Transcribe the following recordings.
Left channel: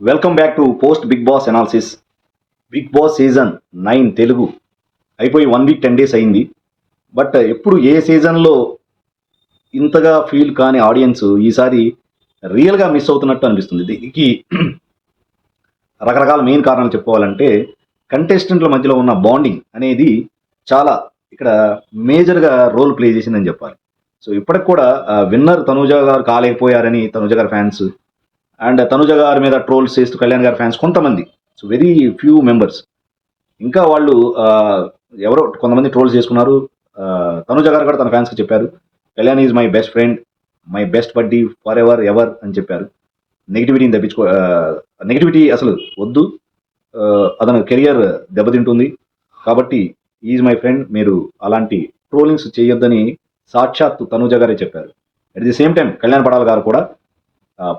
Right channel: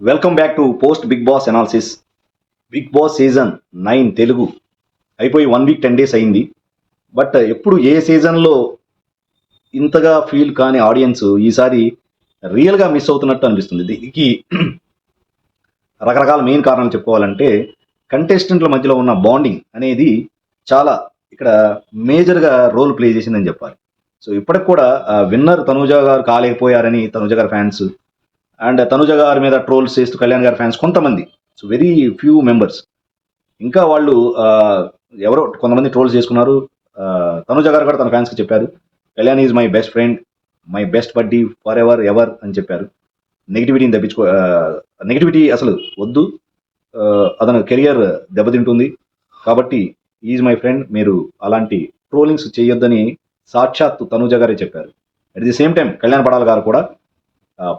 Welcome back to post Bigg Boss analysis Bigg Boss season nine Telugu. అయిపోయి one week ten days అయింది. But uh, ఎప్పుడు ఏ సీజన్లో ఇంతగా feel కాని audience ఈసారి రియల్గా మిస్ అవుతున్నట్టు అనిపిస్తుంది. దీనికి రకరకాల మెయిన్ కారణం చెప్పుకోవాలంటే కంటెస్టెంట్ల మధ్యలో ఉన్న బాండింగ్ అనేది చాలా ఇక్కడ మేజర్గా రోల్ ప్లే చేసిందని చెప్పాలి. సో ఇప్పటికి కూడా uh, విన్నర్ తనుజా గారు కాలేకపోయారని తనుజా గారి ఫ్యాన్స్ అండ్ తనుజ గారి మీద ట్రోల్స్ చేస్తూ కళ్యాణ్ గారి ఫ్యాన్స్ కొంతమంది. సో వెరీ ఫ్యూ మెంబర్స్ ఇంకా వాళ్ళు ఎవరో కొంతమంది ట్రోల్స్ చేసుకున్నారు. తనుజ గారు కూడా తన ఫ్యాన్స్కి చెప్పారు. Kalyan is my best friend my best buddy forever ever అని చెప్పారు. నెగిటివిటీని తెప్పించుకో నెగిటివిటీ అసలు వద్దు. అతను కెరియర్ దెబ్బతింటుంది. కాబట్టి ఈజ్ మై ఫ్రెండ్ మీరు అలాంటి ట్రోలింగ్స్ చేయొద్దని సాక్షాత్ తనుజ గారే చెప్పారు. At the same time Kalyan Padala గారు కూడా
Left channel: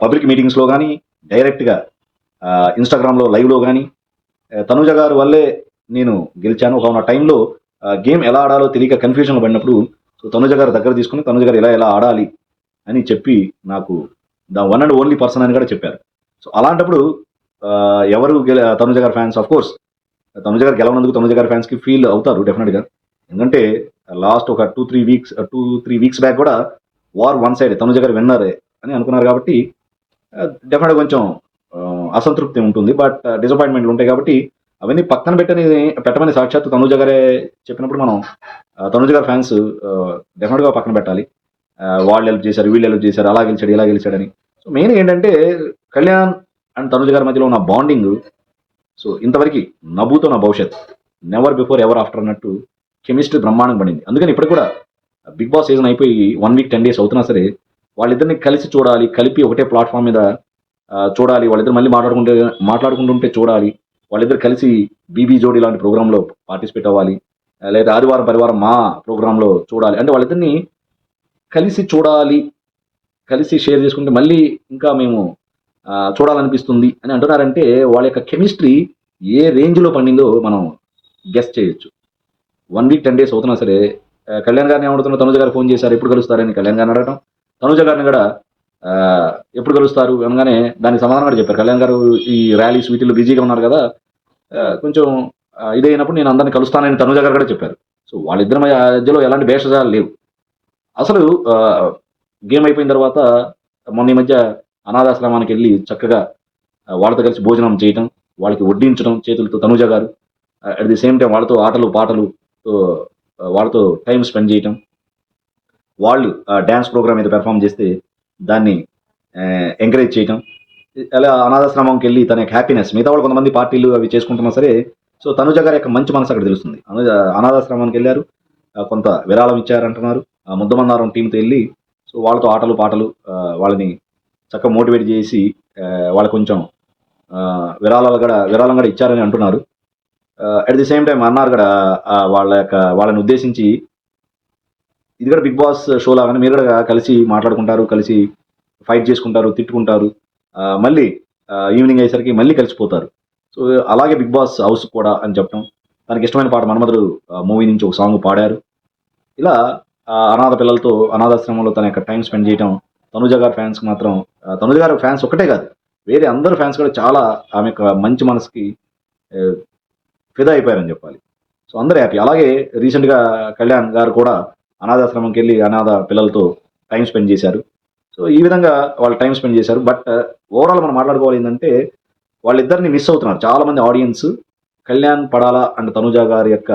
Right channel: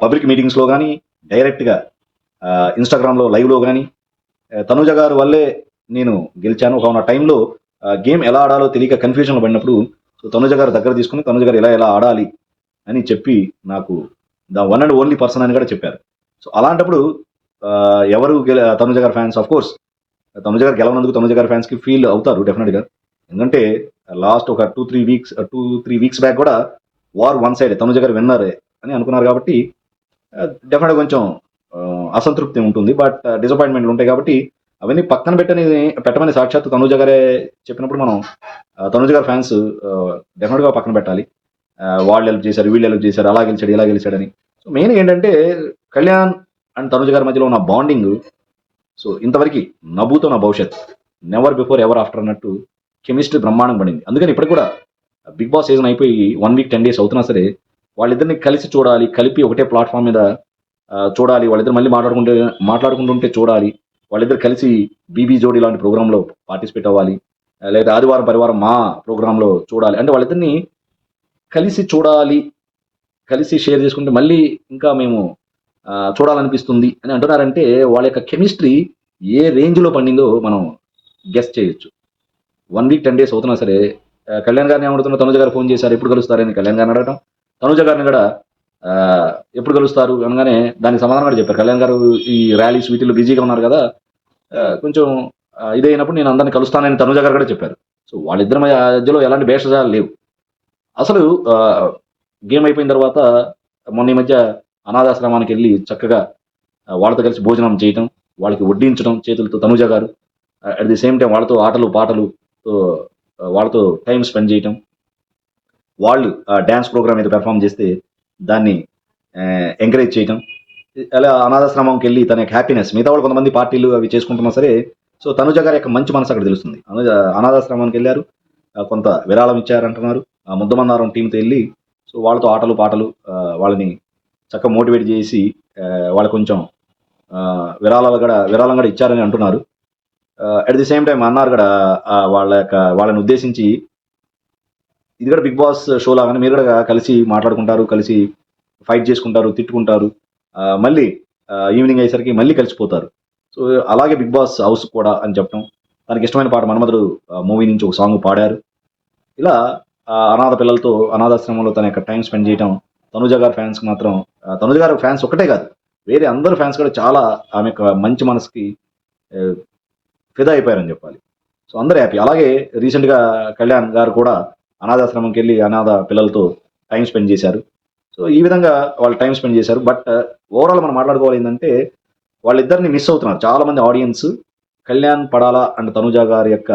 పబ్లిక్ మీటింగ్స్లో కానీ డైరెక్ట్గా ఇన్స్టాగ్రామ్లో లైవ్లో కానీ తనుజ గారు వల్లే నేను గెలిచాను. ఆ టైంలో గేమ్ ఎలా ఆడాలో తెలియక కన్ఫ్యూజన్లో పడినప్పుడు సో తనుజ గారు దగ్గర తీసుకుని తనుజ గారు ఎలా ఎలా ఆడాలి? అని చెప్పి నాకు the one and only person అని కూడా చెప్పారు. సో అలాంటప్పుడు ఎవరు గెల తనుజ గారి ఫ్యాన్స్? ఆఫ్ కోర్స్ తనుజ గారు గెలవనందుకు తనుజ గారి ఫ్యాన్స్కి ఫీల్ అవుతారు డెఫినెట్గా ఎందుకంటే లాస్ట్ ఒక two three weeks two three weeks back కూడా వార్ వన్ సైడ్ తనుజ గారు విన్నరే అని అనుకున్నారు కాబట్టి డెఫినెట్ కొంచెం అసంతృప్తి ఉంటుంది. బట్ డిసప్పాయింట్మెంట్లు ఉంటాయి కాబట్టి అవన్నీ పక్కన పెట్టని పెట్టమని సాక్షాత్ తనుజ గారే చెప్పినప్పుడు మనం ఆ, తనుజ గారి ఫ్యాన్స్ డెఫినెట్గా పక్కన పెట్టాలి. వాళ్ళు హెల్ప్ చేశారు వీళ్ళు హెల్ప్ చేశారు అలా గెలిచాడు ఇలా గెలిచాడని. సో మెయిన్ ఏంటంటే కళ్యాణ్ అండ్ తనుజ గారి మధ్యలో ఉన్న బాండింగ్ సో ఇంతవరకు నవ్వుతో నా భవిష్యత్ నెవర్ బిఫోర్ ఎవర్ ఆఫ్టర్ అన్నట్టు కెమిస్ట్రీ బ్రహ్మాండం పడింది. అందుకని ఇప్పుడు కూడా బిగ్ బాస్ సీజన్ అయిపోయి వన్ వీక్ టెన్ డేస్ అవుతున్నా సరే వాళ్ళిద్దరిని కలిసి చూడాలి కలిపి ఒకటే ప్లాట్ఫామ్ మీద చూడాలి. వాళ్ళిద్దరు మళ్ళీ మాట్లాడుకుంటే మాట్లాడుకుంటుంటే చూడాలి. వాళ్ళిద్దరు కలిసి బీబీ జోడి లాంటి ప్రోగ్రాంలో పార్టిసిపేట్ అవ్వాలి. లేదా ఆదివారం పరివారం మా ప్రోగ్రాంలో చూడాలి. అంటే వాళ్ళిద్దరిని కలిసి చూడాలి. కలిసి షేర్ చేసుకుంటే మళ్ళీ ఇంకా మేము చూడాలనిపిస్తుంది అని అంటున్నారంటే వాళ్ళ యొక్క కెమిస్ట్రీ ఏ రేంజ్లో పండిందో మనం గెస్ట్ చేయొచ్చు. వన్ వీక్ టెన్ డేస్ అవుతున్నా సరే కళ్యాణ్ గారిని ఏమడుతున్నారు తనుజ గారు ఫోన్ చేశారు. ఎప్పుడు కలుస్తారని కళ్యాణ్ గారిని అడగటం. తనుజ గారిని కూడా ఎప్పుడు కలుస్తారు? అనగానే దానికి సమాధానం చెప్పారు. కళ్యాణ్ గారు ఈ ర్యాలీస్ వీటిలో బిజీగా ఉన్నారు కదా కొంచెం ఇదైనప్పుడు నేను అందరిని కలుస్తానని తనుజ గారు కూడా చెప్పారు. సో వాళ్ళిద్దరి మధ్యలో ఎలాంటి భేషజాలు లేవు. అసలు గేమ్ అయిపోయిన తర్వాత మొన్న ఈ మధ్య అనాథాశ్రమానికి వెళ్ళి చక్కగా వాళ్ళతో కలిసి భోజనం చేయటం వాళ్ళకి వడ్డించడం చేతులతో తనుజ గారు అట్ ది సేమ్ టైం వాళ్ళతో ఆటలు పాటలు వాళ్ళతో టైం స్పెండ్ చేయటం వాళ్ళు డ్యాన్స్ ప్రోగ్రామ్ మీద పెర్ఫామ్ చేస్తే దాన్ని ఎంకరేజ్ చేయటం అలా అనాథాశ్రమంకి వెళ్ళి తన యొక్క హ్యాపీనెస్ మిగతా వాళ్ళు కొంతమంది పార్టీలు అవి చేసుకుంటున్నా సరే సో తనుజ గారి యొక్క మంచి మనసు అక్కడ తెలుస్తుంది. అనాథాశ్రమానికి వెళ్ళారు కొంత విరాళం ఇచ్చారంటున్నారు ఆ ముద్దమందారం టీంతో వెళ్ళి సో వాళ్ళతో ఆటలు పాటలు వాళ్ళని చక్కగా మోటివేట్ చేసి వాళ్ళు కొంచెం విరాళాలు కూడా విరాళం కూడా ఇచ్చారని అంటున్నారు. అట్ ది సేమ్ టైం అన్నారు కూడా వాళ్ళ యొక్క వాళ్ళని ఉద్దేశించి ఇది కూడా బిగ్ బాస్ షో లాగానే మీరు కూడా కలిసి మాట్లాడుకుంటారు కలిసి ఫైట్ చేసుకుంటారు తిట్టుకుంటారు. మళ్ళీ ఈవినింగ్ అయ్యేసరికి మళ్ళీ కలిసిపోతారు. సో అలాగే బిగ్ బాస్ హౌస్ కూడా అని చెప్పడం తనకి ఇష్టమైన పాట మన్మధుడు మూవీ నుంచి ఒక సాంగ్ పాడారు. ఇలా అనాథ పిల్లలతో అనాథాశ్రమంలో తన యొక్క టైం స్పెండ్ చేయడం తనుజ గారి ఫ్యాన్స్ మాత్రం తనుజ గారి ఫ్యాన్స్ ఒకటే కాదు వేరే అందరు ఫ్యాన్స్ కూడా చాలా ఆమె యొక్క మంచి మనసుకి ఫిదా అయిపోయారని చెప్పాలి. సో అందరూ హ్యాపీ అలాగే రీసెంట్గా కళ్యాణ్ గారు కూడా అనాథాశ్రమంకి వెళ్ళి అనాథ పిల్లలతో టైం స్పెండ్ చేశారు. సో ఈ విధంగా వాళ్ళు టైం స్పెండ్ చేశారు. బట్ ఓవరాల్ మనం మాట్లాడుకోవాలి ఏంటంటే వాళ్ళిద్దరిని మిస్ అవుతున్నారు. చాలా మంది audience Kalyan Padala and Tanuja గారి యొక్క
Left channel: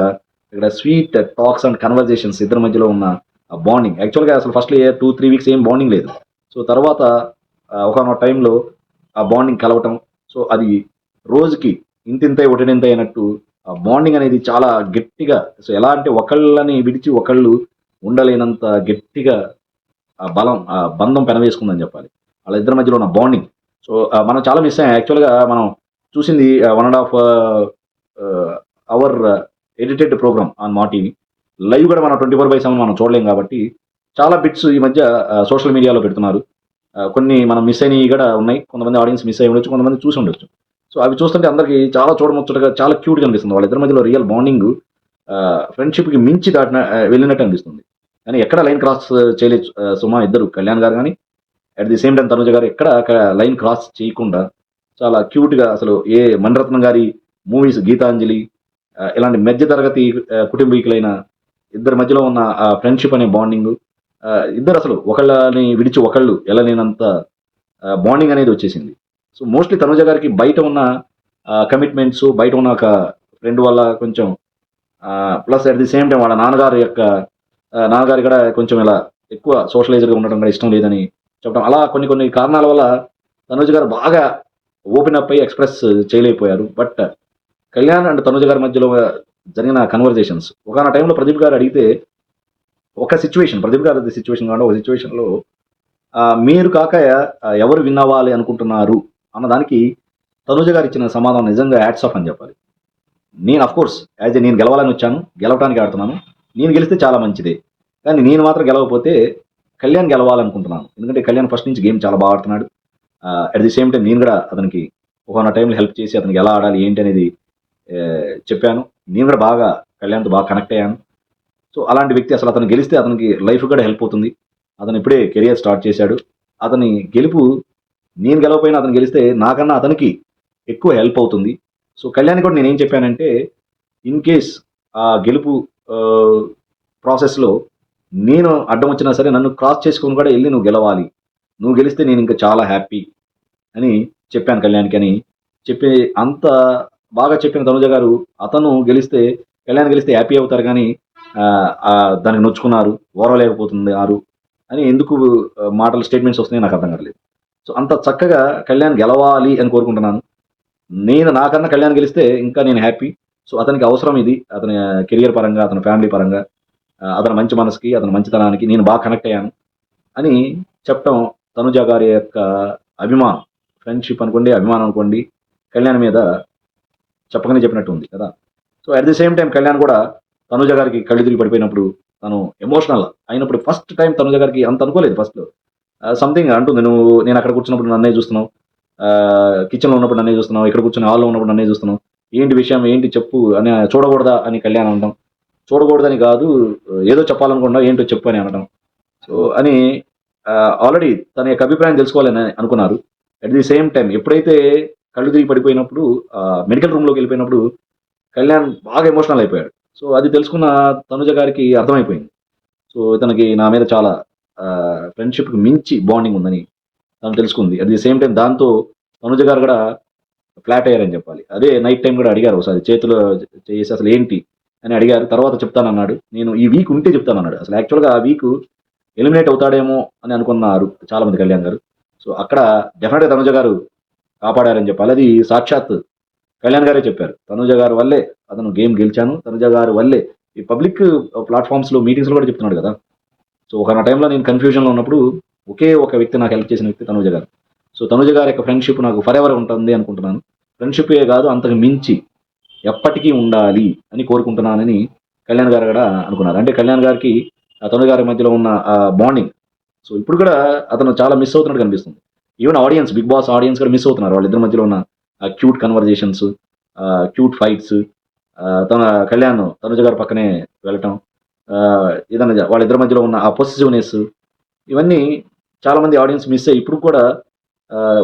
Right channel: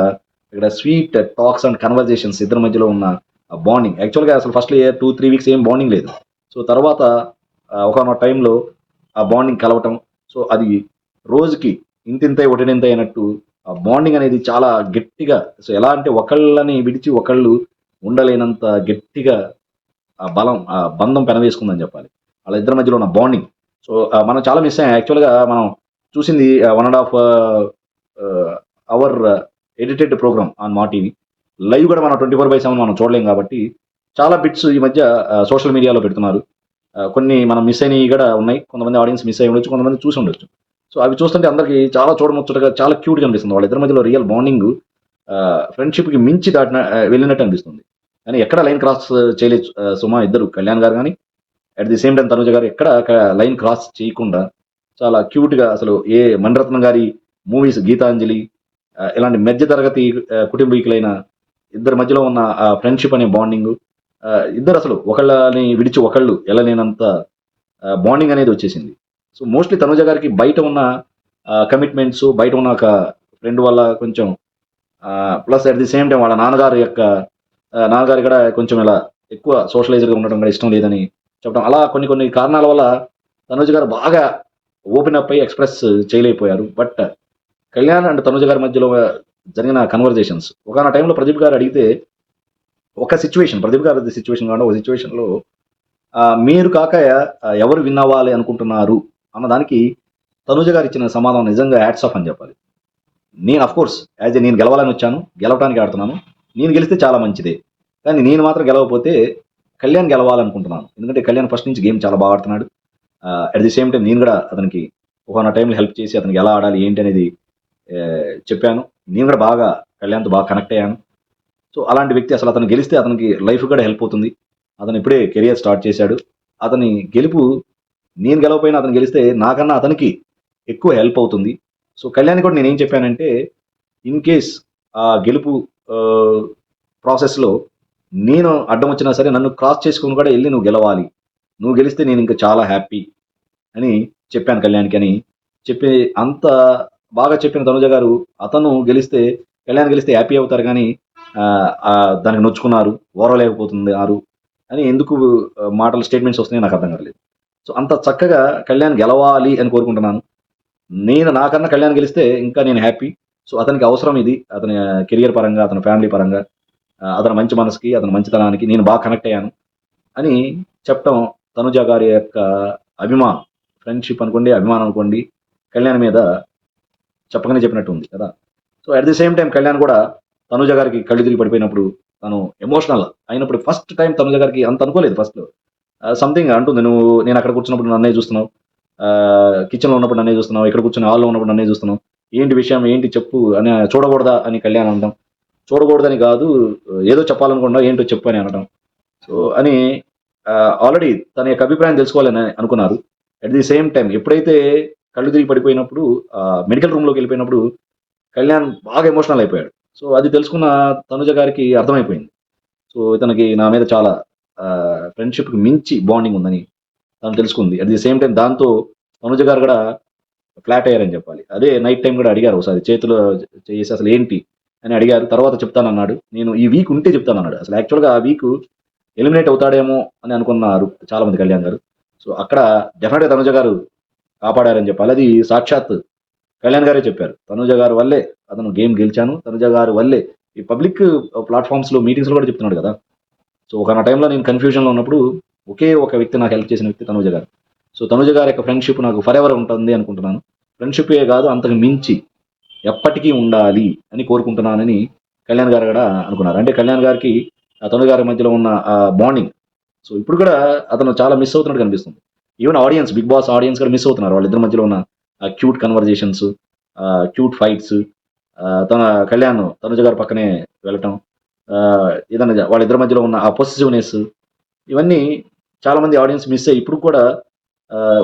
ఇక్కడ స్వీట్ టాక్స్ అండ్ కన్వర్జేషన్స్ ఇద్దరి మధ్యలో ఉన్న బాండింగ్. యాక్చువల్గా అసలు ఫస్ట్ టూ త్రీ వీక్స్ ఏం బాండింగ్ లేదు. సో తర్వాత ఒక టైంలో ఆ బాండింగ్ కలవటం. సో అది రోజుకి ఇంతింత ఒకటినింత అయినట్టు ఆ బాండింగ్ అనేది చాలా గట్టిగా సో ఎలా అంటే ఒకళ్ళని విడిచి ఒకళ్ళు ఉండలేనంత గట్టిగా ఆ బలం ఆ బంధం పెరవేసుకుందని చెప్పాలి. వాళ్ళ ఇద్దరి మధ్యలో ఉన్న బాండింగ్ సో మనం చాలా మిస్ అయ్యాం. యాక్చువల్గా మనం చూసింది one and half hour edited program on Maa TV live కూడా మనం ట్వంటీ ఫోర్ బై సెవెన్ మనం చూడలేం కాబట్టి చాలా బిట్స్ ఈ మధ్య సోషల్ మీడియాలో పెడుతున్నారు. కొన్ని మనం మిస్ అయినవి కూడా ఉన్నాయి. కొంతమంది ఆడియన్స్ మిస్ అయ్యి ఉండొచ్చు కొంతమంది చూసి ఉండొచ్చు. సో అవి చూస్తుంటే అందరికి చాలా చూడముచ్చటగా చాలా క్యూట్గా అనిపిస్తుంది. వాళ్ళ ఇద్దరి మధ్యలో రియల్ బాండింగ్ ఫ్రెండ్షిప్కి మించి దాటిన వెళ్ళినట్టు అనిపిస్తుంది. కానీ ఎక్కడ లైన్ క్రాస్ చేయలేదు సుమా ఇద్దరు కళ్యాణ్ గారు కానీ. At the same time Tanuja గారు ఎక్కడ లైన్ క్రాస్ చేయకుండా చాలా క్యూట్గా అసలు ఏ మణిరత్నం గారి మూవీస్ గీతాంజలి ఇలాంటి మధ్య తరగతి కుటుంబీకులైన ఇద్దరి మధ్యలో ఉన్న ఆ ఫ్రెండ్షిప్ అనే బాండింగ్ ఇద్దరు అసలు ఒకళ్ళని విడిచి ఒకళ్ళు వెళ్ళలేనంత బాండింగ్ అనేది వచ్చేసింది. సో మోస్ట్లీ తనుజ గారికి బయట ఉన్న కమిట్మెంట్స్ బయట ఉన్న ఒక ఫ్రెండ్ వల్ల కొంచెం plus at the same time వాళ్ళ నాన్నగారు యొక్క నాన్నగారు కూడా కొంచెం ఇలా ఎక్కువ సోషలైజర్గా ఉండడం కూడా ఇష్టం లేదని చెప్పడం. అలా కొన్ని కొన్ని కారణాల వల్ల తనుజ గారు బాగా ఓపెన్ అప్ అయ్యి ఎక్స్ప్రెస్ చేయలేకపోయారు. బట్ కళ్యాణ్ అండ్ తనుజ గారి మధ్యలో జరిగిన కన్వర్జేషన్స్ ఒక టైంలో ప్రదీప్ గారు అడిగితే ఒక సిచ్యువేషన్ ప్రదీప్ గారు సిచ్యువేషన్ కాకుండా ఒక సిచ్యువేషన్లో మీరు కాక ఎవరు విన్ అవ్వాలి అనుకుంటున్నారు అన్న దానికి తనుజ గారు ఇచ్చిన సమాధానం నిజంగా యాడ్స్ ఆఫ్ అని చెప్పాలి. నేను అఫ్ కోర్స్ యాజ్ నేను గెలవాలని వచ్చాను గెలవడానికి ఆడుతున్నాను. నేను గెలిస్తే చాలా మంచిది. కానీ నేను మాత్రం గెలవకపోతే కళ్యాణ్ గెలవాలనుకుంటున్నాను. ఎందుకంటే కళ్యాణ్ ఫస్ట్ నుంచి గేమ్ చాలా బాగా ఆడుతున్నాడు. అట్ ది సేమ్ టైం నేను కూడా అతనికి ఒక టైంలో హెల్ప్ చేసి అతనికి ఎలా ఆడాలి ఏంటి అనేది చెప్పాను. నేను కూడా బాగా కళ్యాణ్తో బాగా కనెక్ట్ అయ్యాను. సో అలాంటి వ్యక్తి అసలు అతను గెలిస్తే అతనికి లైఫ్ కూడా హెల్ప్ అవుతుంది. అతను ఇప్పుడే కెరియర్ స్టార్ట్ చేశాడు. అతని గెలుపు నేను గెలవపోయినా అతను గెలిస్తే నాకన్నా అతనికి ఎక్కువ హెల్ప్ అవుతుంది. సో కళ్యాణ్ కూడా నేను ఏం చెప్పానంటే ఇన్ కేస్ ఆ గెలుపు ప్రాసెస్లో నేను అడ్డం వచ్చినా సరే నన్ను క్రాస్ చేసుకొని కూడా వెళ్ళి నువ్వు గెలవాలి. నువ్వు గెలిస్తే నేను ఇంకా చాలా హ్యాపీ అని చెప్పాను కళ్యాణ్కి అని చెప్పి అంత బాగా చెప్పిన తనుజ గారు అతను గెలిస్తే కళ్యాణ్ గెలిస్తే హ్యాపీ అవుతారు కానీ దానికి నొచ్చుకున్నారు ఓరలేకపోతుంది ఆరు అని ఎందుకు మాటలు స్టేట్మెంట్స్ వస్తున్నాయి నాకు అర్థం కాలేదు సో అంత చక్కగా కళ్యాణ్ గెలవాలి అని కోరుకుంటున్నాను. నేను నాకన్నా కళ్యాణ్ గెలిస్తే ఇంకా నేను హ్యాపీ సో అతనికి అవసరం ఇది. అతని కెరియర్ పరంగా అతని ఫ్యామిలీ పరంగా. అతని మంచి మనసుకి అతని మంచితనానికి నేను బాగా కనెక్ట్ అయ్యాను అని చెప్పడం తనుజ గారి యొక్క అభిమానం. ఫ్రెండ్షిప్ అనుకోండి అభిమానం అనుకోండి కళ్యాణ్ మీద చెప్పగానే చెప్పినట్టు ఉంది కదా. So at the same time Kalyan కూడా తనుజ గారికి కళ్ళు తిరిగి పడిపోయినప్పుడు తను ఎమోషనల్ అయినప్పుడు ఫస్ట్ టైం తనుజ గారికి అంత అనుకోలేదు ఫస్ట్ సంథింగ్ అంటుంది నువ్వు నేను అక్కడ కూర్చున్నప్పుడు నన్నే చూస్తున్నావు. కిచెన్లో ఉన్నప్పుడు నన్నే చూస్తున్నావు. ఇక్కడ కూర్చుని హాల్లో ఉన్నప్పుడు నన్నే చూస్తున్నావు. ఏంటి విషయం? ఏంటి చెప్పు? అని చూడకూడదా? అని కళ్యాణ్ అనడం చూడకూడదని కాదు ఏదో చెప్పాలనుకున్నా ఏంటో చెప్పని అనడం. సో అని ఆల్రెడీ తన యొక్క అభిప్రాయం తెలుసుకోవాలని అనుకున్నారు. అట్ ది సేమ్ టైం ఎప్పుడైతే కళ్ళు తిరిగి పడిపోయినప్పుడు మెడికల్ రూమ్లోకి వెళ్ళిపోయినప్పుడు కళ్యాణ్ బాగా ఎమోషనల్ అయిపోయాడు. సో అది తెలుసుకున్న తనుజ గారికి అర్థమైపోయింది. సో తనకి నా మీద చాలా ఫ్రెండ్షిప్కి మించి బాండింగ్ ఉందని తను తెలుసుకుంది. అట్ ది సేమ్ టైం దాంతో తనుజ గారు కూడా ఫ్లాట్ అయ్యారని చెప్పాలి. అదే నైట్ టైం కూడా అడిగారు ఒకసారి చేతిలో చేసి అసలు ఏంటి? అని అడిగారు. తర్వాత చెప్తానన్నాడు నేను ఈ వీక్ ఉంటే చెప్తానన్నాడు అసలు యాక్చువల్గా ఆ వీక్ ఎలిమినేట్ అవుతాడేమో అని అనుకున్నారు చాలా మంది కళ్యాణ్ గారు. సో అక్కడ డెఫినెట్గా తనుజ గారు కాపాడారని చెప్పాలి. అది సాక్షాత్ కళ్యాణ్ గారే చెప్పారు. తనుజ గారు వల్లే అతను గేమ్ గెలిచాను. తనుజ గారు వల్లే ఈ పబ్లిక్ ప్లాట్ఫామ్స్లో మీటింగ్స్లో కూడా చెప్తున్నాడు కదా. సో ఒక టైంలో నేను కన్ఫ్యూజన్లో ఉన్నప్పుడు ఒకే ఒక వ్యక్తి నాకు హెల్ప్ చేసిన వ్యక్తి తనుజ గారు. సో తనుజ గారి యొక్క ఫ్రెండ్షిప్ నాకు ఫర్ ఎవర్ ఉంటుంది అనుకుంటున్నాను. ఫ్రెండ్షిప్ ఏ కాదు అంతకు మించి ఎప్పటికీ ఉండాలి అని కోరుకుంటున్నానని కళ్యాణ్ గారు కూడా అనుకున్నారు. అంటే కళ్యాణ్ గారికి తమిళ గారి మధ్యలో ఉన్న ఆ బాండింగ్ సో ఇప్పుడు కూడా అతను చాలా మిస్ అవుతున్నట్టు కనిపిస్తుంది. Even audience Bigg Boss audience కూడా మిస్ అవుతున్నారు. వాళ్ళిద్దరి మధ్యలో ఉన్న క్యూట్ కన్వర్జేషన్స్ క్యూట్ ఫైట్స్ తన కళ్యాణ్ తనుజ గారి పక్కనే వెళ్ళటం ఏదైనా వాళ్ళిద్దరి మధ్యలో ఉన్న ఆ పొసిటివ్నెస్ ఇవన్నీ చాలా మంది ఆడియన్స్ మిస్ అయ్యి ఇప్పుడు కూడా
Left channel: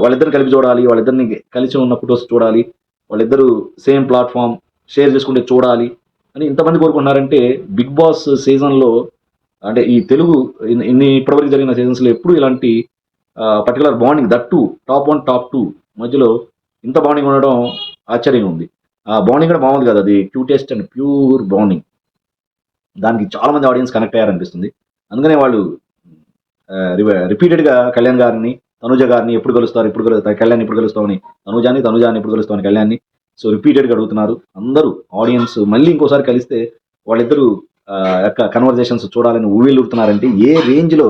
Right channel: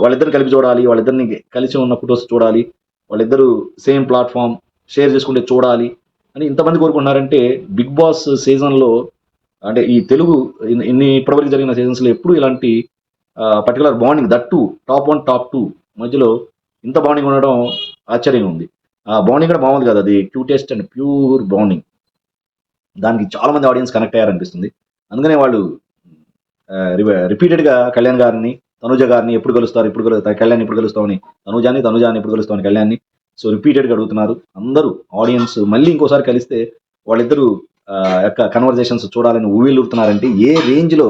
వాళ్ళిద్దరిని కలిపి చూడాలి వాళ్ళిద్దరిని కలిసి ఉన్న ఫొటోస్ చూడాలి వాళ్ళిద్దరూ సేమ్ ప్లాట్ఫామ్ షేర్ చేసుకుంటే చూడాలి అని ఇంతమంది కోరుకున్నారంటే బిగ్ బాస్ సీజన్లో అంటే ఈ తెలుగు ఇన్ని- ఇప్పటివరకు జరిగిన సీజన్స్లో ఎప్పుడు ఇలాంటి particular bonding that two top one top two మధ్యలో ఇంత బాండింగ్ ఉండడం ఆశ్చర్యం ఉంది. ఆ బాండింగ్ కూడా బాగుంది కదా అది క్యూటెస్ట్ అండ్ ప్యూర్ బాండింగ్ దానికి చాలా మంది ఆడియన్స్ కనెక్ట్ అయ్యారనిపిస్తుంది. అందుకనే వాళ్ళు రిపీటెడ్గా కళ్యాణ్ గారిని తనుజ గారిని ఎప్పుడు గెలుస్తారు ఎప్పుడు గెలుస్తారు కళ్యాణ్ ఎప్పుడు గెలుస్తామని తనుజాని తనుజాని ఎప్పుడు గెలుస్తామని కళ్యాణ్ని. సో రిపీటెడ్గా అడుగుతున్నారు. అందరూ ఆడియన్స్ మళ్ళీ ఇంకోసారి కలిస్తే వాళ్ళిద్దరూ యొక్క కన్వర్జేషన్స్ చూడాలని ఊవిలుతున్నారంటే ఏ రేంజ్లో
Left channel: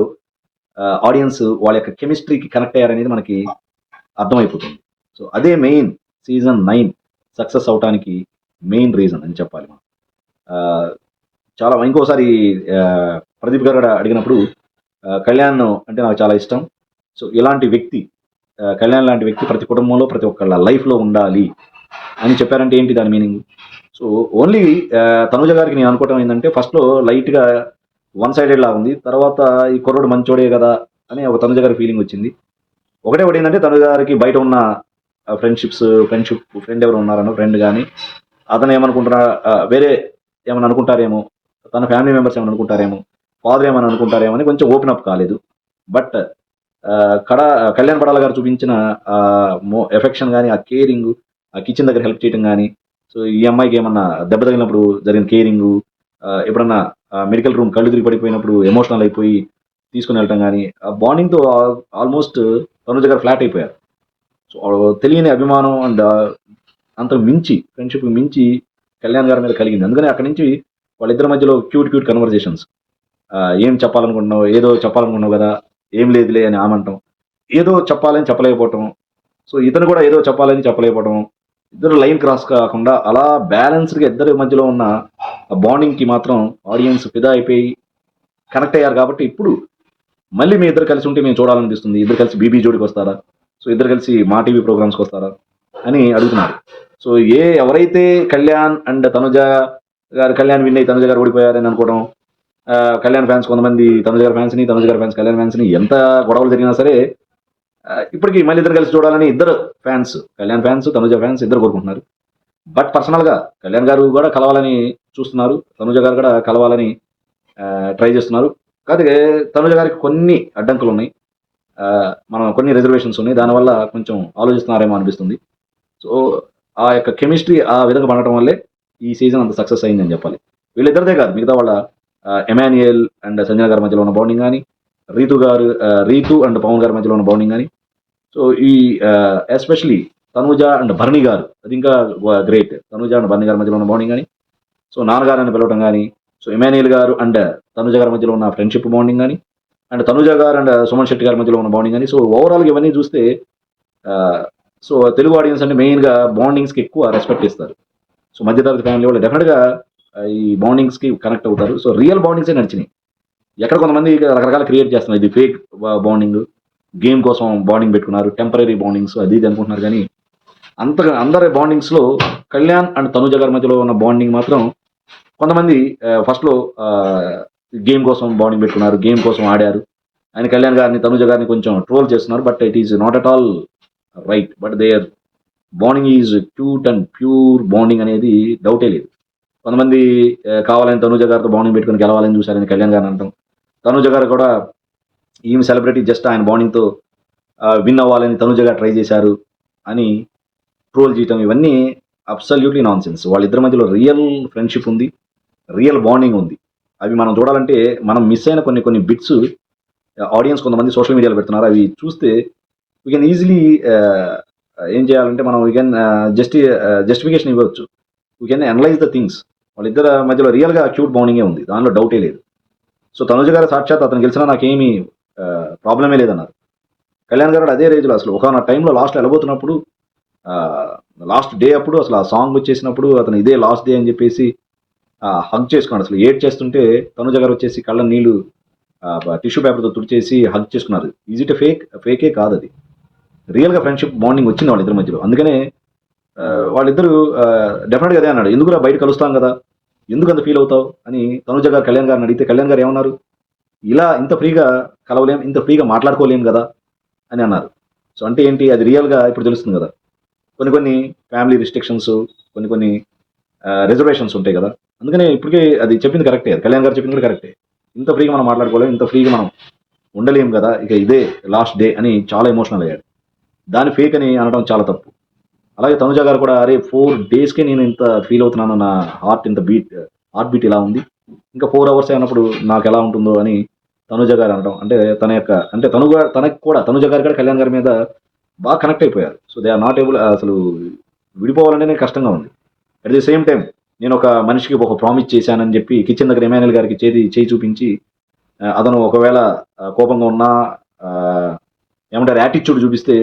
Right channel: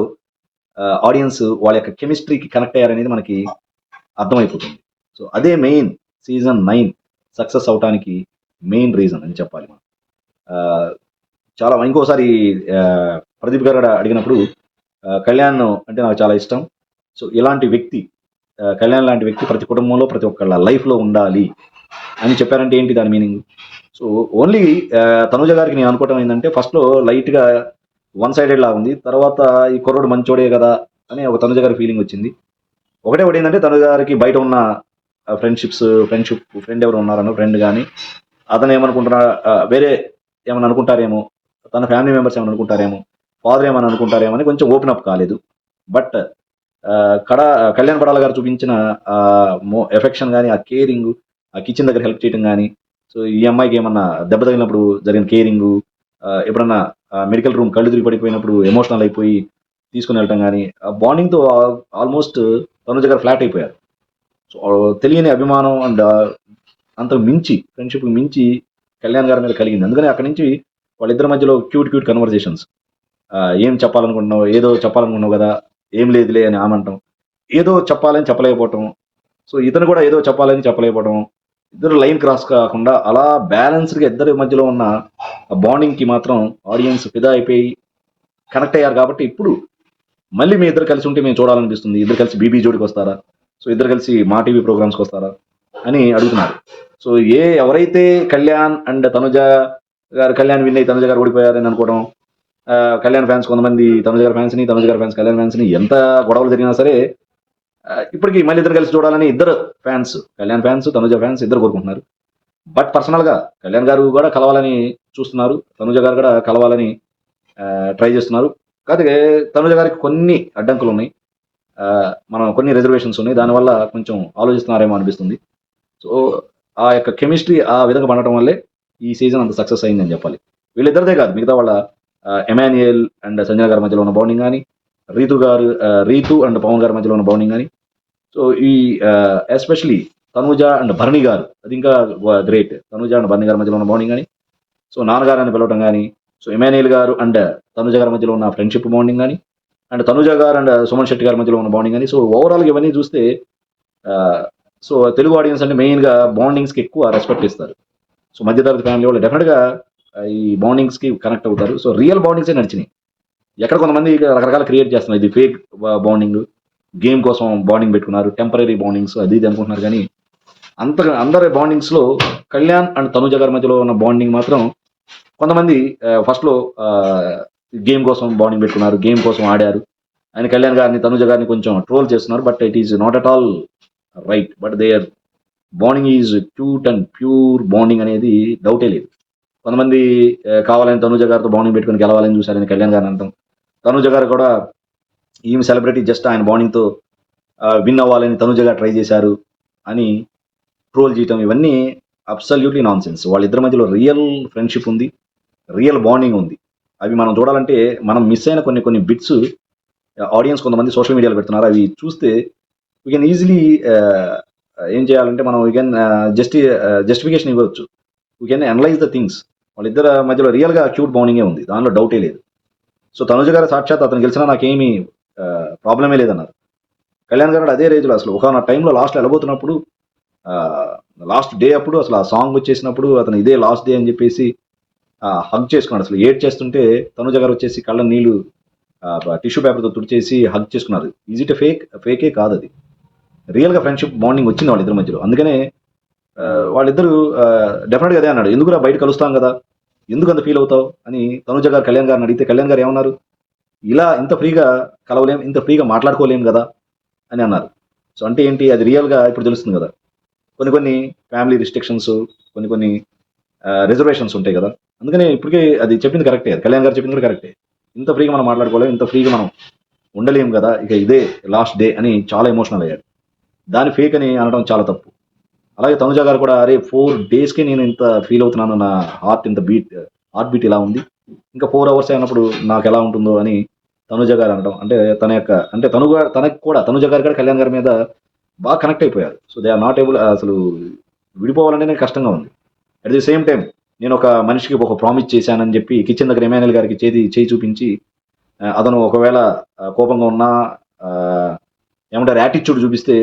ఆడియన్స్ వాళ్ళ యొక్క కెమిస్ట్రీకి కనెక్ట్ అయ్యారనేది మనకి అర్థమైపోతుంది. సో అదే మెయిన్ సీజన్ నైన్ సక్సెస్ అవటానికి మెయిన్ రీజన్ అని చెప్పాలి మనం. చాలా ఇంకోసారి ప్రదీప్ గారు అడిగినప్పుడు కళ్యాణ్ అంటే నాకు చాలా ఇష్టం. సో ఇలాంటి వ్యక్తి కళ్యాణ్ లాంటి వ్యక్తి ప్రతి కుటుంబంలో ప్రతి ఒక్కళ్ళ లైఫ్లో ఉండాలి అని చెప్పారంటే ఏంటి దాని మీనింగ్? సో ఓన్లీ తనుజ గారికి నేను అనుకోవటం ఏంటంటే ఫస్ట్ లైట్గా వన్ సైడెడ్ లా ఉంది. తర్వాత ఈ కుర్రోడు మంచోడే కదా అని ఒక తనుజ గారి ఫీలింగ్ వచ్చింది. ఒకటే ఒకటి ఏంటంటే తనుజ గారికి బయట ఉన్న ఫ్రెండ్షిప్స్ ఫ్రెండ్షిప్ ఫ్రెండ్ ఎవరు ఉన్నారన్న ఫ్రెండ్ కానీ అతను ఏమనుకుంటారా వేరే ఏమైనా అనుకుంటారేమో తన ఫ్యామిలీ మెంబర్స్ ఏమైనా అనుకుంటారేమో ఫాదర్ ఏమైనా అనుకుంటారేమో అని కొంచెం ఓపెన్ అప్ కాలేదు. బట్ కడ కళ్యాణ్ పడాల గారు చూపించిన ఎఫెక్షన్ కానీ ఆ కేరింగ్ ఆ కిచెన్ దగ్గర హెల్ప్ చేయడం కానీ సో ఈ అమ్మాయికి ఏమన్నా దెబ్బ తగిలినప్పుడు జరిగిన కేరింగ్ ఎప్పుడన్నా మెడికల్ రూమ్ కళ్ళు తిరిగి పడిపోయినప్పుడు ఎమోషనల్ అయిపోయి తీసుకుని వెళ్ళటం కానీ ఆ బాండింగ్తో ఆల్మోస్ట్ తనుజ గారు ఫ్లాట్ అయిపోయారు. సో తెలియని అభిమానం అండ్ అంత మించి ఫ్రెండ్షిప్ మించి కళ్యాణ్ గారి మీద కలిగింది. అందుకని అక్కడి నుంచి వాళ్ళిద్దరి మధ్యలో క్యూట్ క్యూట్ కన్వర్జేషన్స్ ఏం చెప్పాలనుకుంటున్నావు ఏదో చెప్పాలనుకున్నావు కదా ఏం లేదులే అని ఆమంటాం. ఏదో చెప్పాలని చెప్పలేకపోవటం సో ఇతను కూడా ఏదో చెప్పాలని చెప్పలేకపోవటం ఇద్దరు లైన్ క్రాస్ కాకుండా అలా బ్యాలెన్స్డ్గా ఇద్దరి మధ్యలో ఉన్న బాండింగ్కి మాత్రం ఆడియన్స్ పెద్ద అయిపోయి కనెక్ట్ అయ్యారు కాబట్టి ఇప్పుడు మళ్ళీ మీ ఇద్దరు కలిసి ఉంటే మేము చూడాలనిపిస్తుంది. ఇద్దరు కలిసి బీబీ జోడికి వస్తారా? సో ఇద్దరు కలిసి మా టీవీ ప్రోగ్రామ్స్కి వస్తారా? అని అడుగుతున్నారు. సో ఏ ఎవరైతే కళ్యాణ్ అండ్ తనుజ గారు కళ్యాణ్ విన్ తనుజ గారు ఓడిపోయారని అనుకోవడం కళ్యాణ్ ఫ్యాన్స్ కొంతమంది తనుజ గారి ఫ్యాన్స్ని తనుజ గారి ఫ్యాన్స్ కళ్యాణ్ ఫ్యాన్స్ని ఎంత గొడవలు జరిగినా సరే ఇప్పటికి మళ్ళీ ఇద్దరు కలిసి చూడాలని ఇద్దరు fans Kalyan fans Tanuja fans ఇద్దరు కోరుకుంటున్నారు. బట్ పర్సనల్గా కళ్యాణ్ గారు కూడా కలవాలని చూస్తున్నారు తనుజ గారు కూడా కలవాలని ట్రై చేస్తున్నారు. కాకపోతే తనుజ గారికి కొన్ని అడ్డంకులు ఉన్నాయి. మనం కొన్ని రిజర్వేషన్స్ ఉన్నాయి. దానివల్ల కొంచెం ఆలోచిస్తున్నారేమో అనిపిస్తుంది. సో ఆ యొక్క కెమిస్ట్రీ ఆ విధంగా పడటం వల్లే ఈ సీజన్ అంత సక్సెస్ అయిందని చెప్పాలి. వీళ్ళిద్దరిదే కాదు మిగతా వాళ్ళ ఎమాన్యుయల్ అండ్ సంజన గారి మధ్యలో ఉన్న బౌండింగ్ కానీ రీతు గారు రీతు అండ్ పవన్ గారి మధ్యలో ఉన్న బౌండింగ్ కానీ సో ఈ ఎస్పెషలీ తనూజ అండ్ భరణి గారు అది ఇంకా గ్రేట్ తనూజ అండ్ భరణి గారి మధ్యలో ఉన్న బౌండింగ్ కానీ సో నాన్నగారు అని పిలవడం కానీ సో ఎమాన్యుయల్ గారు అండ్ తనుజ గారి మధ్యలో ఉన్న ఫ్రెండ్షిప్ బౌండింగ్ కానీ అండ్ తనుజ గారు అండ్ సుమన్ శెట్టి గారి మధ్యలో ఉన్న బౌండింగ్ కానీ సో ఓవరాల్ ఇవన్నీ చూస్తే సో తెలుగు ఆడియన్స్ అంటే మెయిన్గా బాండింగ్స్కి ఎక్కువ రెస్పెక్ట్ ఇస్తారు సో మధ్యతరగతి ఫ్యామిలీ వాళ్ళు డెఫినెట్గా ఈ బౌండింగ్స్కి కనెక్ట్ అవుతారు. సో రియల్ బాండింగ్స్ నడిచినాయి. ఎక్కడ కొంతమంది రకరకాల క్రియేట్ చేస్తున్నారు. ఇది ఫేక్ బౌండింగ్ గేమ్ కోసం బాండింగ్ పెట్టుకున్నారు. టెంపరీ బాండింగ్స్ అది ఇది అనుకుంటున్నారు. కానీ అంత అందరి బాండింగ్స్లో కళ్యాణ్ అండ్ తనుజ గారి మధ్యలో ఉన్న బాండింగ్ మాత్రం కొంతమంది ఫస్ట్లో గేమ్ కోసం బాండింగ్ పెట్టుకున్నారు. గేమ్ కోసం ఆడారు. ఆయన కళ్యాణ్ గారిని తనుజ గారిని కొంచెం ట్రోల్ చేస్తున్నారు. But it is not at all right but their bonding is cute and pure bonding అనేది డౌటే లేదు. కొంతమంది కావాలని తనుజ గారితో బాండింగ్ పెట్టుకుని గెలవాలని చూశారని కళ్యాణ్ గారిని అంటాం. తనుజ గారు కూడా ఈమె సెలబ్రిటీ జస్ట్ ఆయన బాండింగ్తో విన్ అవ్వాలని తనుజ గారు ట్రై చేశారు అని ట్రోల్ చేయటం ఇవన్నీ అబ్సల్యూట్లీ నాన్ సెన్స్ వాళ్ళిద్దరి మధ్యలో రియల్ ఫ్రెండ్షిప్ ఉంది రియల్ బాండింగ్ ఉంది. అవి మనం చూడాలంటే మనం మిస్ అయిన కొన్ని కొన్ని బిట్స్ ఆడియన్స్ కొంతమంది సోషల్ మీడియాలో పెడుతున్నారు. అవి చూస్తే వీ కెన్ ఈజీలీ ఏం చేయాలంటే మనం వీ కెన్ జస్టి జస్టిఫికేషన్ ఇవ్వచ్చు. We can analyze the things వాళ్ళిద్దరి మధ్యలో రియల్గా క్యూట్ బౌండింగే ఉంది. దానిలో డౌటే లేదు. సో తనుజ గారు సాక్షాత్ అతను గెలిచినా నాకేమీ ప్రాబ్లమే లేదన్నారు. కళ్యాణ్ గారు అదే రేంజ్లో అసలు ఒక టైంలో లాస్ట్ వెళ్ళబోతున్నప్పుడు లాస్ట్ డే అప్పుడు అసలు ఆ సాంగ్ వచ్చేసినప్పుడు అతను ఇదే లాస్ట్ డే అని చెప్పేసి హగ్ చేసుకున్నాడు. అసలు ఏడ్ చేస్తుంటే తనుజ గారు వచ్చేసి కళ్ళ నీళ్ళు టిష్యూ పేపర్తో తుడిచేసి హగ్ చేసుకున్నారు. ఈజీ ఇట్ ఫేక్ ఫేకే కాదు అది. రియల్గా ఫ్రెండ్షిప్ బాండింగ్ వచ్చింది వాళ్ళిద్దరి మధ్యలో. అందుకనే వాళ్ళిద్దరూ డెఫినెట్గా అదే అన్నాడు. ఎందుకురా బయట కలుస్తాం కదా? ఎందుకు అంత ఫీల్ అవుతావు? అని తనుజ గారు కళ్యాణ్ గారిని అడిగితే కళ్యాణ్ గారు ఏమన్నారు? ఇలా ఇంత ఫ్రీగా కలవలేం ఇంత ఫ్రీగా మాట్లాడుకోలేం కదా? అని అన్నారు. సో అంటే ఏంటి? అది రియల్గా ఇప్పుడు తెలుస్తుంది కదా. కొన్ని కొన్ని ఫ్యామిలీ రిస్ట్రిక్షన్స్ కొన్ని కొన్ని రిజర్వేషన్స్ ఉంటాయి కదా. అందుకనే ఇప్పటికీ అది చెప్పింది కరెక్టే కళ్యాణ్ గారు చెప్పింది కూడా కరెక్టే ఇంత ఫ్రీగా మనం మాట్లాడుకోలేము ఇంత ఫ్రీగా మనం ఉండలేము కదా. ఇక ఇదే లాస్ట్ డే అని చాలా ఎమోషనల్ అయ్యాడు దాని ఫేక్ అని అనడం చాలా తప్పు. అలాగే తనుజ గారు కూడా అరే ఫోర్ డేస్ కే నేను ఇంత ఫీల్ అవుతున్నాను. నా హార్ట్ ఇంత బీట్ హార్ట్ బీట్ ఇలా ఉంది? ఇంకా ఫోర్ అవర్స్ అయినప్పుడు నాకు ఎలా ఉంటుందో అని తనుజ గారు అనడం. అంటే తన యొక్క అంటే తను కూడా తనకు కూడా తనుజ గారు కూడా కళ్యాణ్ గారి మీద బాగా కనెక్ట్ అయిపోయారు. So they are not able అసలు విడిపోవాలనే కష్టంగా ఉంది. అట్ ది సేమ్ టైం నేను ఒక మనిషికి ఒక ప్రామిస్ చేశానని చెప్పి కిచెన్ దగ్గర ఎమ్మెల్యే గారికి చేతి చేయి చూపించి అతను ఒకవేళ కోపంగా ఉన్నా ఏమంటారు యాటిట్యూడ్ చూపిస్తే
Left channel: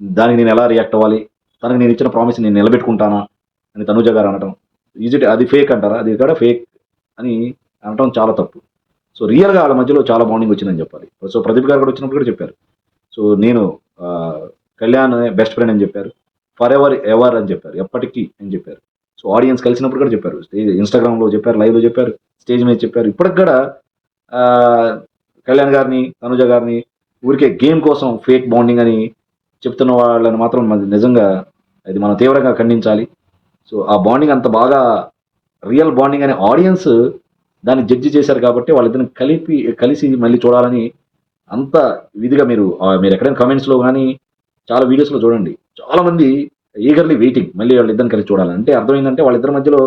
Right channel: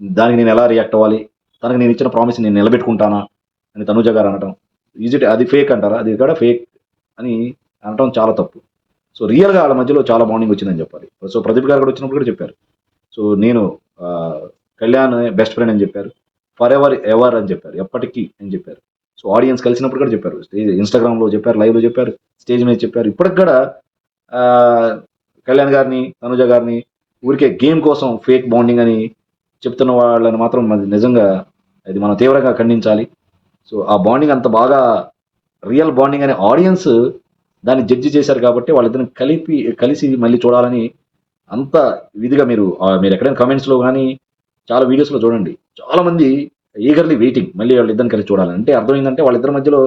దానికి నేను ఎలా రియాక్ట్ అవ్వాలి? తనకి నేను ఇచ్చిన ప్రామిస్ నేను నిలబెట్టుకుంటానా అని తనుజ గారు అనడం ఇట్ అది ఫేక్ అంటారా? అది కూడా ఫేక్ అని అనడం చాలా తప్పు. సో రియల్గా వాళ్ళ మధ్యలో చాలా బాండింగ్ వచ్చిందని చెప్పాలి. సో ప్రదీప్ గారు కూడా వచ్చినప్పుడు కూడా చెప్పారు. సో నేను కళ్యాణ్ బెస్ట్ ఫ్రెండ్ అని చెప్పారు. ఫర్ ఎవర్ ఎవర్ అని చెప్పారు. ఎప్పటికీ అని చెప్పారు. సో ఆడియన్స్ కలిసినప్పుడు కూడా చెప్పారు. ఇన్స్టాగ్రామ్లో చెప్పారు లైవ్లో చెప్పారు స్టేజ్ మీద చెప్పారు. ఇప్పటికి కూడా కళ్యాణ్ గారిని తనుజ గారిని ఊరికే గేమ్ కోసం ఫేక్ బాండింగ్ అని చెప్తున్న వాళ్ళని మాత్రం నిజంగా అది మనం తీవ్రంగా ఖండించాలి. సో ఆ బాండింగ్ అంత బాగా రియల్ బాండింగ్ అనే ఆడియన్స్ దాన్ని జడ్జి చేశారు కాబట్టి వాళ్ళిద్దరిని కలిపి కలిసి మళ్ళీ చూడాలని అంత విధిగా మీరు మీరు ఎక్కడైనా కమెంట్స్లో లో కానీ చాలా వీడియోస్లో లో చూడండి. చాలా మంది ఈగర్లీ వెయిటింగ్ మళ్ళీ వాళ్ళిద్దరిని కలిసి చూడాలని. అంటే అర్థమైందంటే వాళ్ళిద్దరి మధ్యలో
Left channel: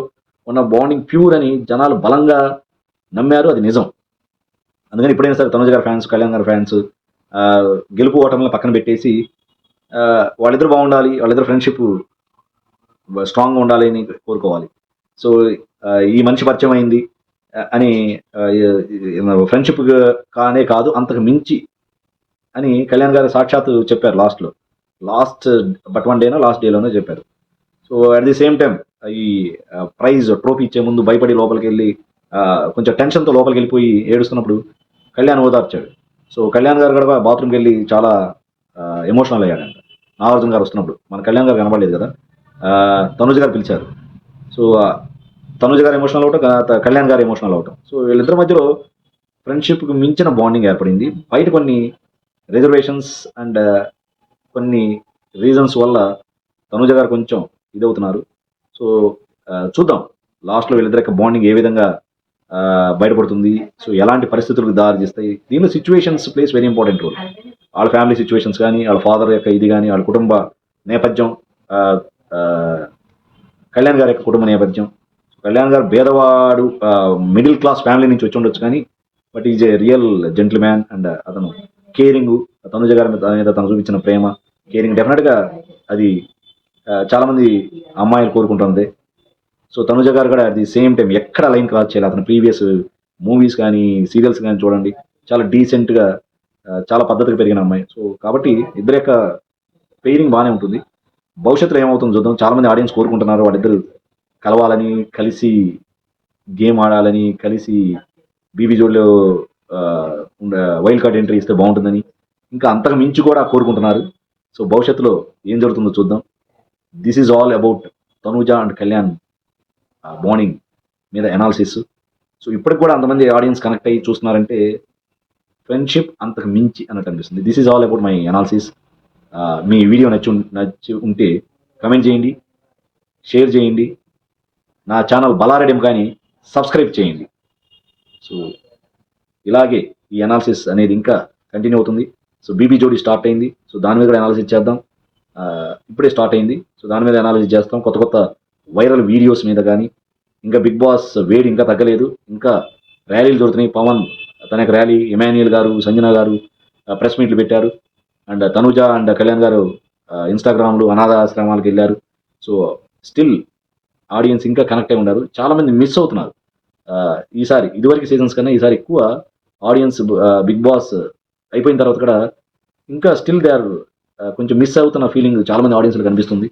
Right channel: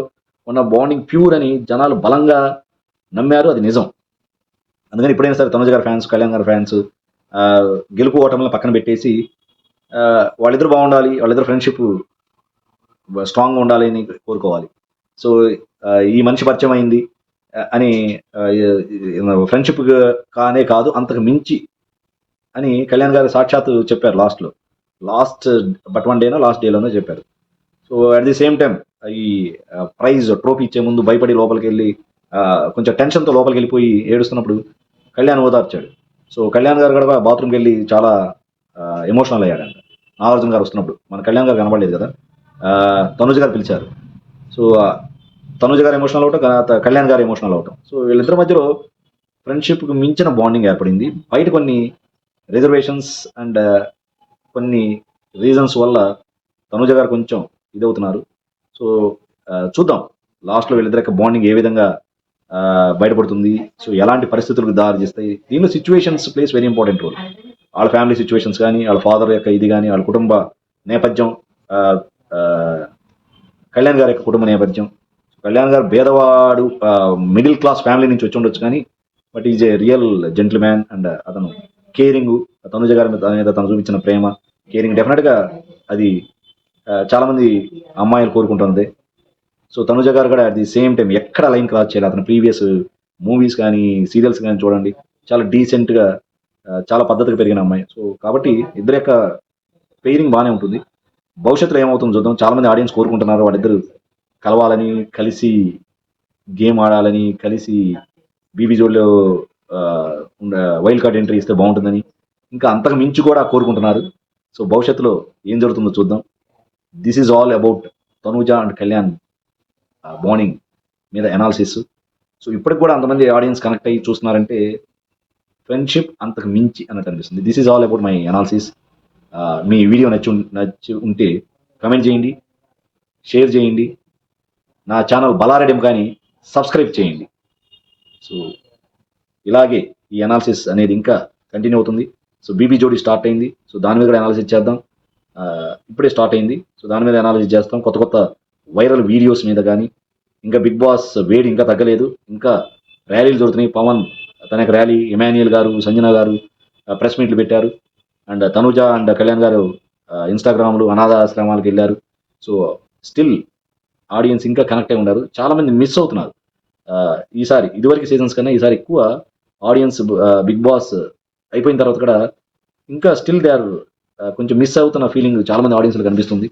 ఉన్న బాండింగ్ ప్యూర్ అని జనాలు బలంగా నమ్మారు అది నిజం. అందుకని ఎప్పుడైనా సరే తనుజ గారి ఫ్యాన్స్ కళ్యాణ్ గారి ఫ్యాన్స్ గెలుపు ఓటంలో పక్కన పెట్టేసి వాళ్ళిద్దరు బాగుండాలి వాళ్ళిద్దరు ఫ్రెండ్షిప్ స్ట్రాంగ్ ఉండాలి అని కోరుకోవాలి. సో ఈ మంచి పరిచయం అయింది అని ఫ్రెండ్షిప్ కానే కాదు అంతకు మించి అని కళ్యాణ్ గారు సాక్షాత్ చెప్పారు లాస్ట్లో లాస్ట్ బట్ వన్ డేనో లాస్ట్ డేలోనే చెప్పారు. So at the same time ఈ ప్రైజ్ ట్రోఫీ ఇచ్చే ముందు భయపడి లోపలికి వెళ్ళి కొంచెం టెన్షన్తో లోపలికి వెళ్ళిపోయి ఏడుస్తున్నప్పుడు కళ్యాణ్ ఓదార్చాడు. సో కళ్యాణ్ గారు కూడా బాత్రూమ్కి వెళ్ళి చాలా ఎమోషనల్ అయ్యాడంట నాగార్జున గారు వస్తున్నప్పుడు మన కళ్యాణ్ గారు కనబడలేదు కదా? తనుజ తనుజ్ గారు పిలిచారు. సో తనుజ తనుజ్ గారు ఎమోషనల్ అవటం కళ్యాణ్ గారు ఎమోషనల్ అవటం. సో వీళ్ళిద్దరి మధ్యలో ఫ్రెండ్షిప్ మించిన బాండింగ్ ఏర్పడింది. బయట కొన్ని రిజర్వేషన్స్ అండ్ కొన్ని రీజన్స్ వల్ల తనుజ గారు కొంచెం ఇది అవుతున్నారు సో చూద్దాం. లాస్ట్లో వీళ్ళిద్దరి బాండింగ్ ఏ విధంగా బయటపడుతుంది. సో ఎలాంటి పరిస్థితులకు దారి చేస్తాయి దీనిలో situations plays very important role వాళ్ళ ఫ్యామిలీ సిచ్యువేషన్స్ కానీ వాళ్ళ ఫాదర్ యొక్క ఇది కానీ వాళ్ళ కుటుంబ నేపథ్యం కళ్యాణ్ గారి యొక్క కుటుంబ నేపథ్యం. కళ్యాణ్ గారు పేదవాడు మిడిల్ క్లాస్ ఫ్యామిలీ నుంచి వచ్చి ఉండొచ్చు కానీ but is a real gentleman and అతను కేరింగ్ తనుజ గారి మీద తను చూపించిన ప్రేమ కేరింగ్ డెఫినెట్గా అది చాలా మంది అమ్మాయిలు కోరుకుంటుంది. సో తనుజ గారు కూడా అది సేమ్ టైం ఎక్కడ లైన్ క్రాస్ చేయాలి? అతని ప్రీవియస్ మూవీస్ కానీ సీరియల్స్ కానీ చూడండి. చాలా డీసెంట్గా చాలా పద్ధతిగా పెరిగిన అమ్మాయి. సో కాబట్టి ఇద్దరి యొక్క ఫీలింగ్ బాగానే ఉంటుంది. భవిష్యత్తులో ఏమవుతుందో చూద్దాం. చాలా మంది ఆడియన్స్ కోరుకుంటున్నారు. వాళ్ళిద్దరు కలవాలని కలిసి గేమ్ ఆడాలని కలిసి బీబీ జోడ్లో వైల్డ్ కార్డ్ ఎంట్రీ ఇస్తే బాగుంటుందని ఇంకా అంతకు మించి కూడా కోరుకుంటున్నారు. సో భవిష్యత్తులో ఏం జరుగుతుందో చూద్దాం. This is all about Tanuja and Kalyan morning మీద అనాలిసిస్ సో ఇప్పటికి కూడా అంతమంది ఆడియన్స్ కనెక్ట్ అయ్యి చూస్తున్నారంటే ఫ్రెండ్షిప్ అంతకు మించి అన్నట్టు అనిపిస్తుంది. This is all about my analysis me video నచ్చి ఉం- నచ్చి ఉంటే కమెంట్ చేయండి షేర్ చేయండి. నా ఛానల్ బలారెడ్డి కానీ సబ్స్క్రైబ్ చేయండి. సో ఇలాగే ఈ అనాలిసిస్ అనేది ఇంకా కంటిన్యూ అవుతుంది. సో బీబీ జోడీ స్టార్ట్ అయింది. సో దాని మీద అనాలిసిస్ చేద్దాం. ఇప్పుడే స్టార్ట్ అయింది. సో దాని మీద అనాలిసిస్ చేస్తాం. కొత్త కొత్త వైరల్ వీడియోస్ మీద కానీ ఇంకా బిగ్ బాస్ వేడి ఇంకా తగ్గలేదు. ఇంకా ర్యాలీలు జరుగుతున్నాయి. పవన్ తన యొక్క ర్యాలీ ఎమాన్యుయల్ గారు సంజన గారు ప్రెస్ మీట్లు పెట్టారు. అండ్ తనుజ అండ్ కళ్యాణ్ గారు ఇన్స్టాగ్రామ్లో అనాథ ఆశ్రమాలకు వెళ్ళారు. సో స్టిల్ ఆడియన్స్ ఇంకా కనెక్ట్ అయి ఉన్నారు. చాలా మంది మిస్ అవుతున్నారు. ఈసారి ఇదివరకు సీజన్స్ కన్నా ఈసారి ఎక్కువ ఆడియన్స్ బిగ్ బాస్ అయిపోయిన తర్వాత కూడా ఇంకా స్టిల్ దే ఆర్ కొంచెం మిస్ అవుతున్న ఫీలింగ్ చాలా మంది ఆడియన్స్ కనిపిస్తుంది.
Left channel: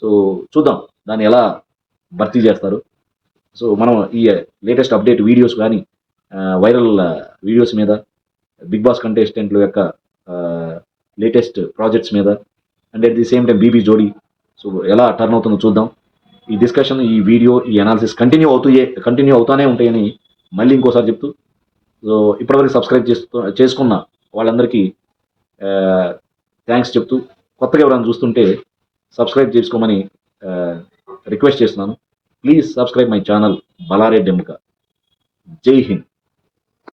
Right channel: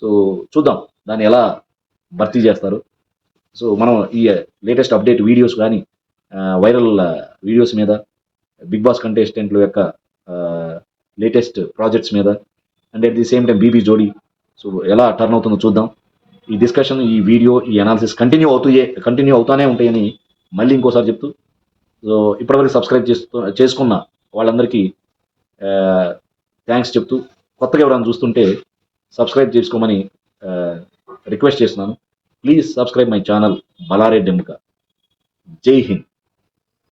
సో చూద్దాం దాన్ని ఎలా భర్తీ చేస్తారు. సో మనం ఈ లేటెస్ట్ అప్డేట్ వీడియోస్ కానీ వైరల్ వీడియోస్ మీద బిగ్ బాస్ కంటెస్టెంట్ల యొక్క లేటెస్ట్ ప్రాజెక్ట్స్ మీద and at the same time BB Jodi. So ఎలా టర్న్ అవుతుందో చూద్దాం. ఈ డిస్కషన్ ఈ వీడియో ఈ అనాలిసిస్ కంటిన్యూ అవుతాయి కంటిన్యూ అవుతానే ఉంటాయని మళ్ళీ ఇంకోసారి చెప్తూ. సో ఇప్పటివరకు సబ్స్క్రైబ్ చేస్తూ చేసుకున్న వాళ్ళందరికీ థ్యాంక్స్ చెప్తూ. కొత్తగా ఎవరైనా చూస్తుంటే సబ్స్క్రైబ్ చేసుకోమని రిక్వెస్ట్ చేస్తున్నాను. Please subscribe my channel Balareddy ఎంక జై హింద్